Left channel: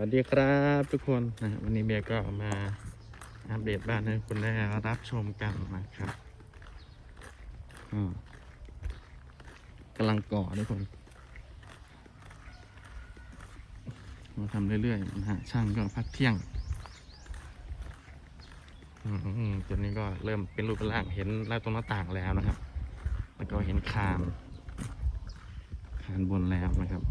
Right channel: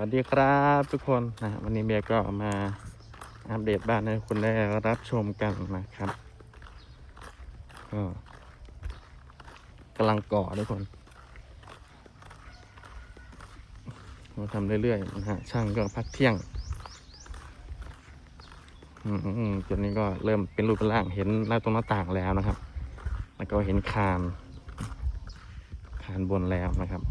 วัสดีครับทุกคนนะวันนี้เบียก็มาอัปเดตบ้านให้คุณได้รับชมกันนะครับก็กำลังก่อทุกคนมาทำเรื่อยๆนะฮะช่างก็พักเที่ยงตัวนี้ก็เริ่มเป็นรูปเป็นร่างเห็นหน้าตรงหน้าต่างแล้วนะครับ แล้วก็เห็นคานคานบนแล้วนะครับ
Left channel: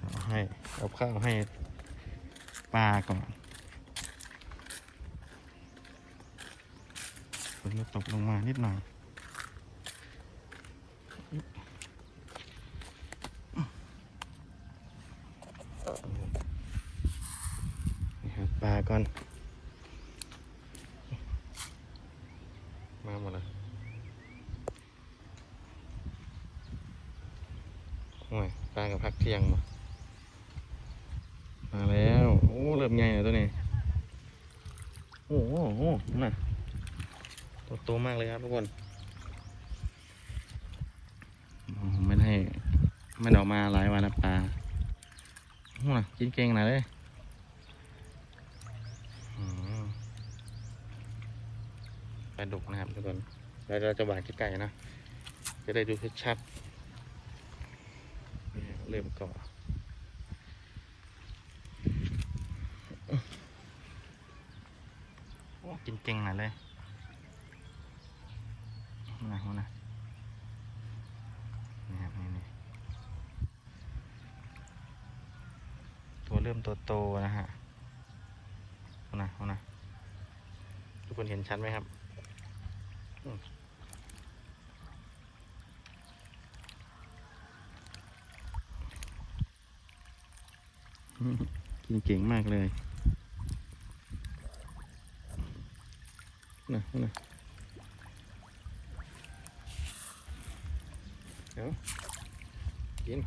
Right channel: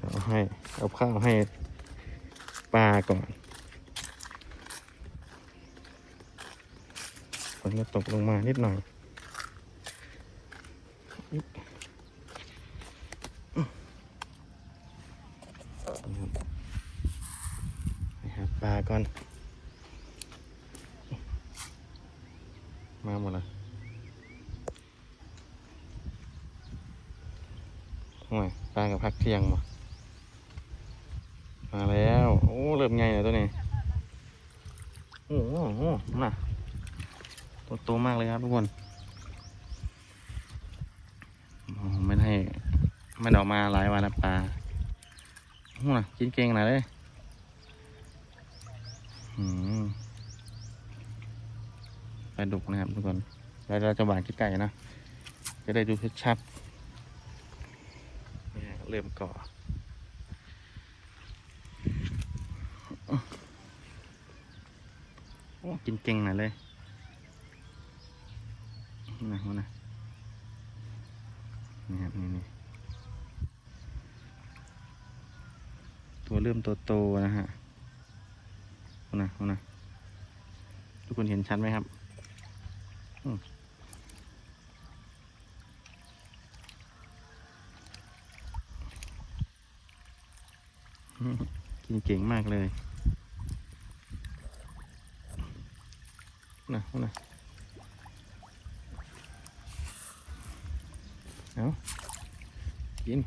เอา ให้เอาข้าวให้ปลาก่อนฝนก็ตกลงมานิดหน่อยนะครับปลาก่อน มาหมดลยโอ้ยปลากับพักเที่ยงมา มาแล้ว โอ้เริ่มใหญ่แล้วตัวนี้ โอ้โหน่ะโตมากเลยครับทุกคนไม่ได้ไม่ได้ออกมาหลายวันแล้วปลาหน่ะกินเก่งหน่อยเลยอืมปลาดุกนะครับทุกคนแล้วเราจะหวานขี้ไก่นะ จะได้ดูชัดๆเนี่ยเริ่มก่อ โอ้กินเก่งหน่อยเลยนะนะนี่ครับนี่นี่ตัวเริ่มโตโตนะฮะนะนะทุกคนเห็นชัดไหมครับกินเก่งมากเลย นะนะเอากิน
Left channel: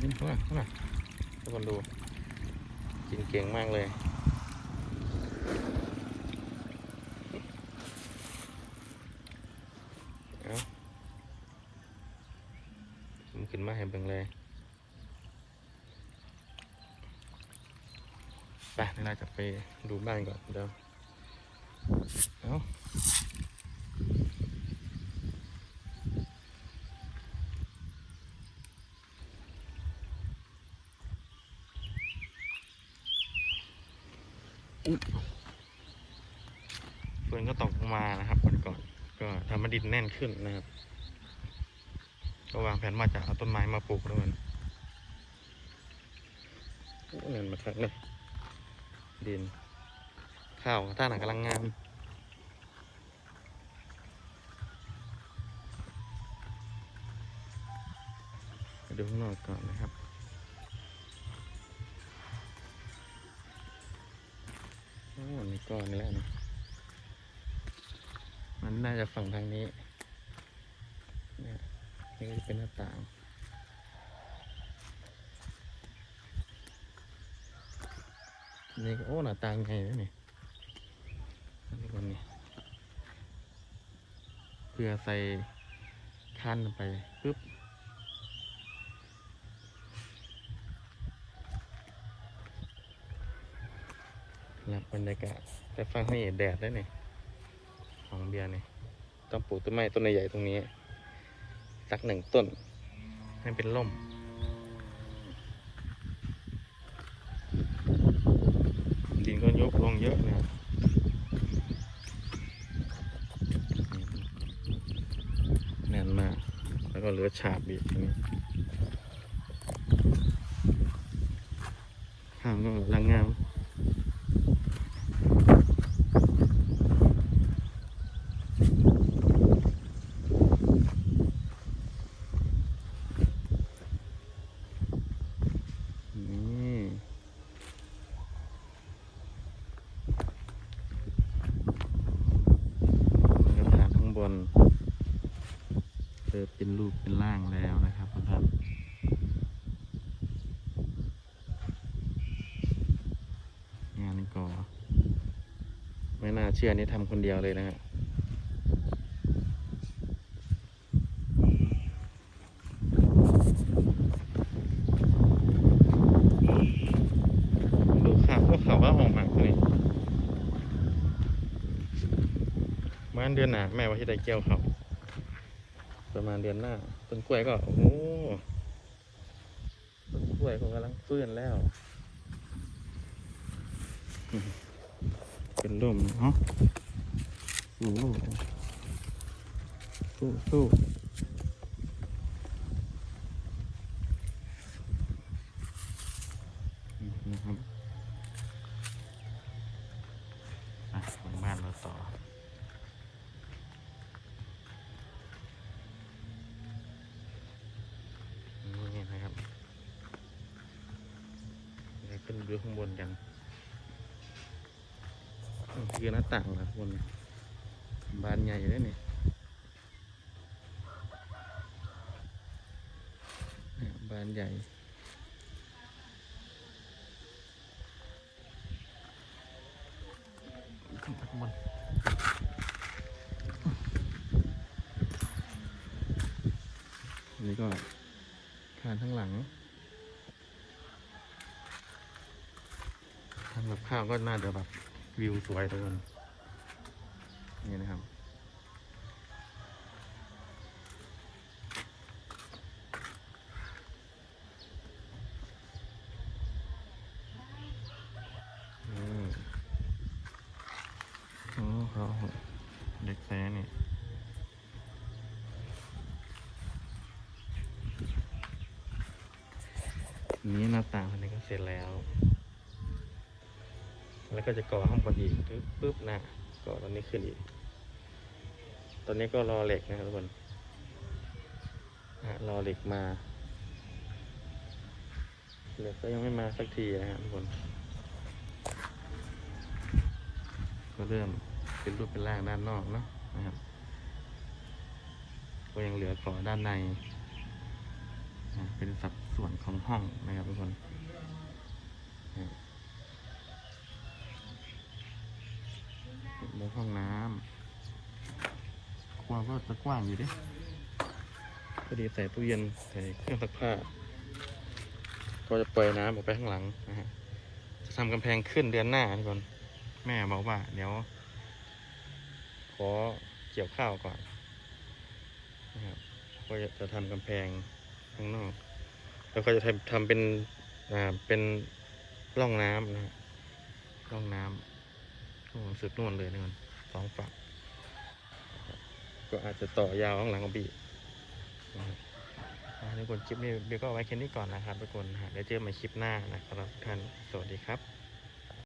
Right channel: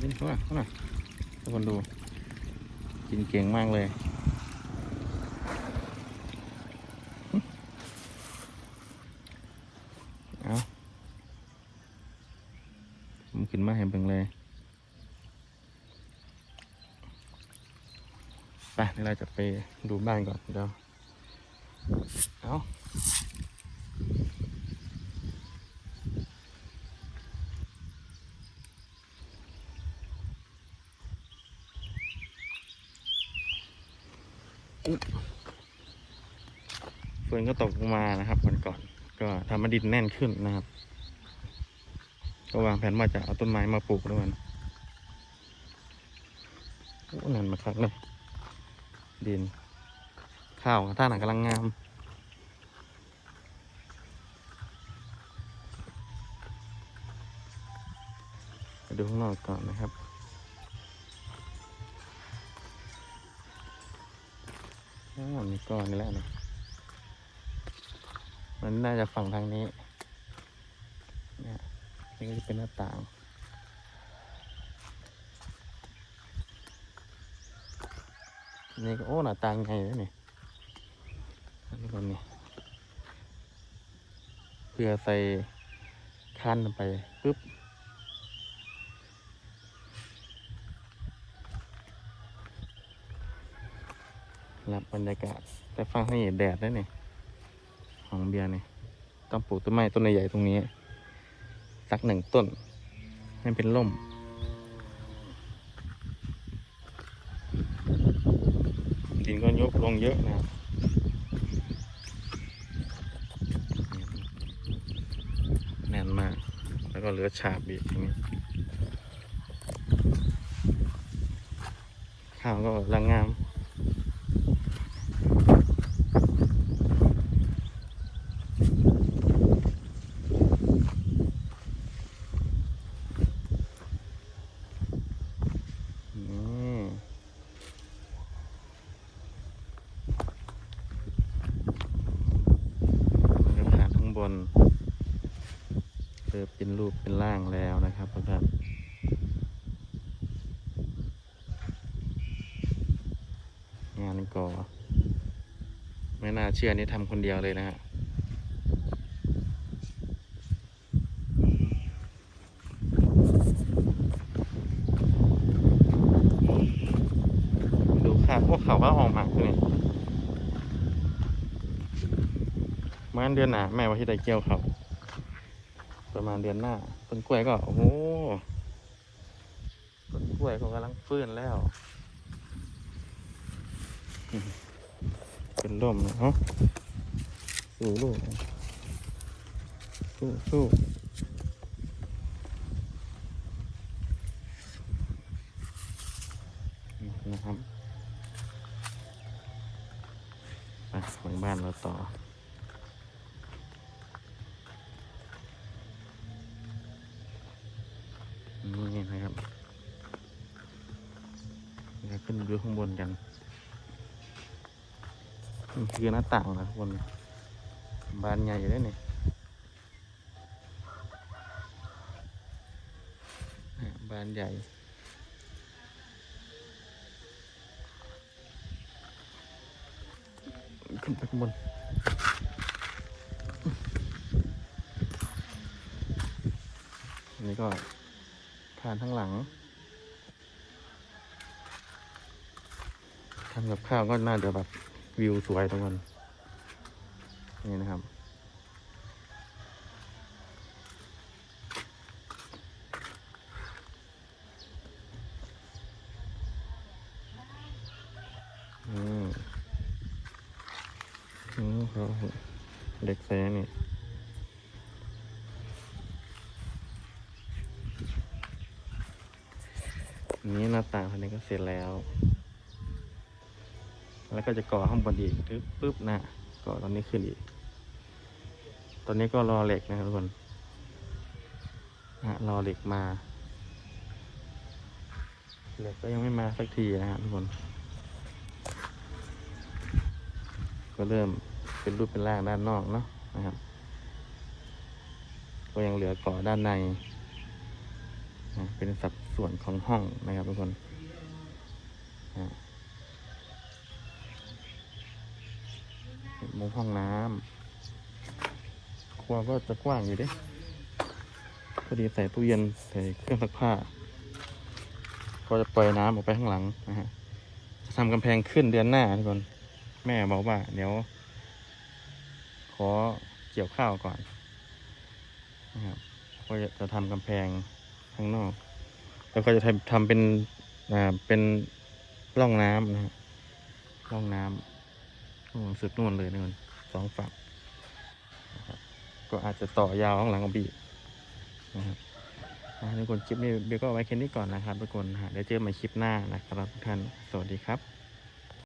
กินเข้ามาเข้ามาทุกคนดู กินเก่งมากเลย เอาผมขึ้นมาให้เบิ่งเลย ไปเดี๋ยวเราจะไปดูบ้านก่อนเดี๋ยวเอาฝนก็ตกลงมานะครับก่อนก่อนก็ทำให้ดินแน่นขึ้นนะครับ ก็วางแผนว่าจะเอาต้นไม้มาปลูกด้วยนะโอ้นั่นมาครับเลย ดิน ข้าวท่าหนักกำลังงามดูข้างนอกก่อนนะครับอ๋อนี่ก้อนนี่แหละนี่มันน่าจะฝั่งทางนี้ นี่ก็จะเป็นหน้าต่าง นี่ก็โอ้หน้าต่างไงนะนี่นนี้ก็นี่เพื่อใส่คันไปปึ๊บรับบรรยากาศแต่ฟังนี่แดดได้เนี่ยของเบียร์นี่ต้องปลูกต้นไม้ต้นใหญ่ๆตรงนี้ สักหนึ่งต้นให้เป็นร่ม ดลงเยอะนะครับแน่นมาก แล้วก็เหลือฉาบอีกอย่างนี้ข้าวก็รังงาม เริ่เป็นรูปเป็นร่างแล้วนะครับท่านงานก่อไม่น่าเชื่อนี่ทำคนเดียวเลยนะฮะดูขาพวกเขาว่าห้องมักนี่มันเดือนหนาแม่ว่าที่ได้เกี่ยวเขา กล้วยก็โอ้โหกล้วยก็กำลังฟื้นแล้ว เป็นลมนะฮะสู้ลูกสู้สู้นะครับ นี่นะครับเดี๋ยวขึ้นดูข้างบนกันนี่คือหน้าต่างนะทุกคนบานใหญ่เลยนี่บานใหญ่ขึ้นไปข้างบนอันนี้ก็านทั้งหลังทำกับข้าวก็น่าจะแบบวิวสวยทุกคนนี่นะครับอืมโอ้โหเด็กแฟนี่ นี้หน้า ต่างภายในก็เสร็จแล้ว แล้วก็จะก่อข้างบนอีกปึ๊บปึ๊บนะก่อตอนนี้ขึ้นอีก ตอนนี้ก็รอเหล็กนะครับทุกคนนะรอเหล็กมาเหล็กยังไม่มาสักทีนะฮะทุกคน ก็เริ่มเป็นรูปเป็นร่างด้านนอกเนาะนะครับ ก็ยังเหลือก่อด้านใน เป็นสัดส่วนของห้องนะครับทุกคนมุมห้องน้ำครัวก็จะกว้างอยู่ดิพอดีใส่ตู้เย็นใส่เครื่องซักผ้า ก็จะปล่อยน้ำออกไปข้างหลังนะฮะ จะทำกำแพงขึ้นเดือนหน้าทุกคน แม่บอกว่า เดี๋ยว ขอเกี่ยวข้าวก่อนนะครับก็จะทำกำแพง ข้างนอก แล้วก็จะทำเป็นอ่าเป็นร่องน้ำนะฮะร่องน้ำโอ้สุดนู่นเลยนี่มันสองฝั่งก็อาจจะต่อยาวข้างหลังของบีนะครับอ่าทุกคนคลิปนี้เบลก็ไว้แค่นี้ก่อนนะครับทุกคนนะฮะเดี๋ยวเจอกันใหม่คลิปหน้านะครับทุกท่านสวัสดีครับ